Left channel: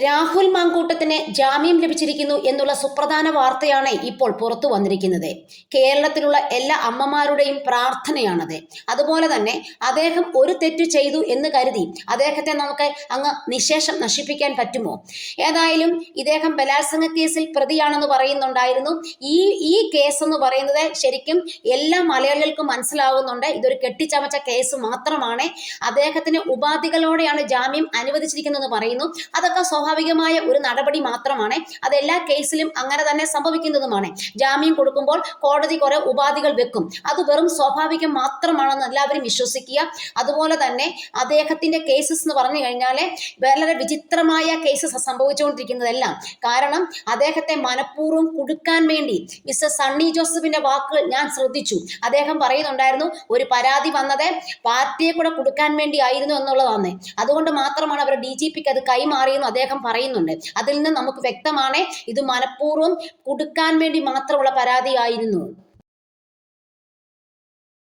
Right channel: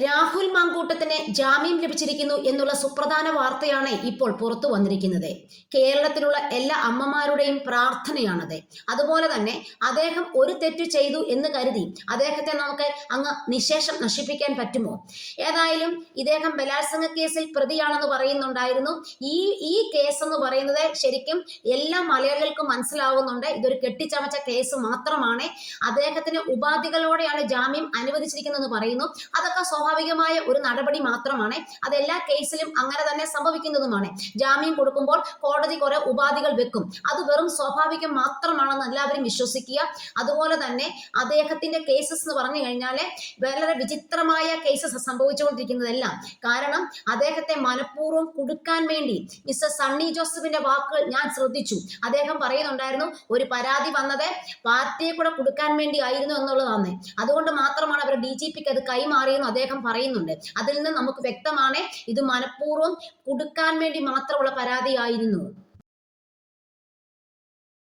രാഹുൽ മാങ്കൂട്ടത്തിന് ജാമ്യം ലഭിച്ചിരിക്കുന്നു എന്നുള്ള സുപ്രധാന വാർത്തയാണ് ഇപ്പോൾ പുറത്തു വന്നിരിക്കുന്നത്. കേരളത്തിലുള്ള എല്ലാ അമ്മമാരുടെയും പ്രാർത്ഥനയാണത്. അതുപോലെ തന്നെ അദ്ദേഹം ഒരു തെറ്റ് ചെയ്തു എന്ന് കരുതി അദ്ദേഹത്തെ നമുക്ക് അങ്ങ് നിശേഷം നശിപ്പിക്കാൻ പറ്റുമോ? ഏതായാലും ഇദ്ദേഹം ബലാത്സംഗ കേസിൽ പ്രതിയാണെന്ന് പറയുന്നുണ്ടായിരുന്നു. ഈ ഈ കേസ് എന്ന് പറയുന്നത് ശരിക്കും എല്ലാ മലയാളികൾക്കും മനസ്സിലാവുന്നുണ്ട്. ഇതൊരു കെട്ടിച്ചമച്ച കേസ് മാത്രമാണ്. അദ്ദേഹത്തിന് ഉപാധികളോടെയാണ് ജാമ്യം അനുവദിച്ചിരിക്കുന്നതെന്ന് പറയുന്നു. അതൊക്കെ സ്വാഭാവികമായ ഒരു നടപടി മാത്രമാണ്. അതെല്ലാ കേസിലും അങ്ങനെ തന്നെ സംഭവിക്കുന്നതുമാണ്. ജാമ്യം കൊടുക്കുമ്പോൾ കോടതി കുറെ ഉപാധികൾ വെക്കും. അത് വെറും സ്വാഭാവികം മാത്രമാണെന്ന് എല്ലാവരും വിശ്വസിക്കുക. അതുപോലെ തന്നെ അദ്ദേഹത്തിന്റെ കേസസ് എന്ന് പറഞ്ഞു കഴിഞ്ഞാൽ വളരെ വിചിത്രമായ കേസസ് സംഭവിച്ചുകൊണ്ടിരിക്കുന്നതെല്ലാം. കാരണം അദ്ദേഹത്തെ മനഃപൂർവം കുടുക്കാൻ വേണ്ടി മിസ്റ്റർ സണ്ണി ജോസഫിന്റെ വാക്കുകൾ ഞാൻ ശ്രദ്ധിച്ചു. അദ്ദേഹം പറയുന്നുണ്ടായിരുന്നു ഒരു പരാതി വന്നത് പാർട്ടിയെ കൂടെ കൊടുക്കാൻ വേണ്ടി ആയിരുന്നു എന്നുള്ളതാണ്. അതുകൊണ്ട് മാത്രമാണ് അവർ ഡി ജി പിക്ക് അത് കൈമാറിയെന്ന് അദ്ദേഹം പറയുന്നുണ്ട്. അതിൽ നിന്ന് നമുക്ക് വ്യക്തമാണ് ഇത് മനഃപൂർവം കൊടുക്കാൻ വേണ്ടി മാത്രമുള്ള പരാതിയായിരുന്നു.